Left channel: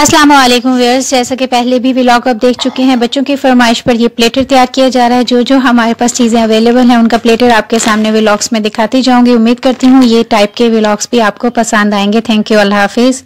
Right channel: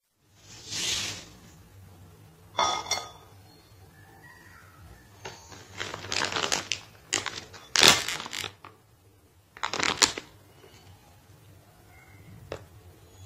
अस्सलाम वालेकुम व्यूअर्स, जैसा कि पहले भी व्लॉग आप देख चुके हैं, बच्चों की फरमाइश पर ये प्लेटर तैयार किया जा रहा है। जो हमारे पास चीज़ें अवेलेबल हैं उनका प्लेटर आपके सामने व्लॉग्स में दिखाती जाऊंगी। उम्मीद करती हूँ ये टाइप के व्लॉग्स भी आपको पसंद आएंगे। थैंक यू, अल्लाह हाफिज़।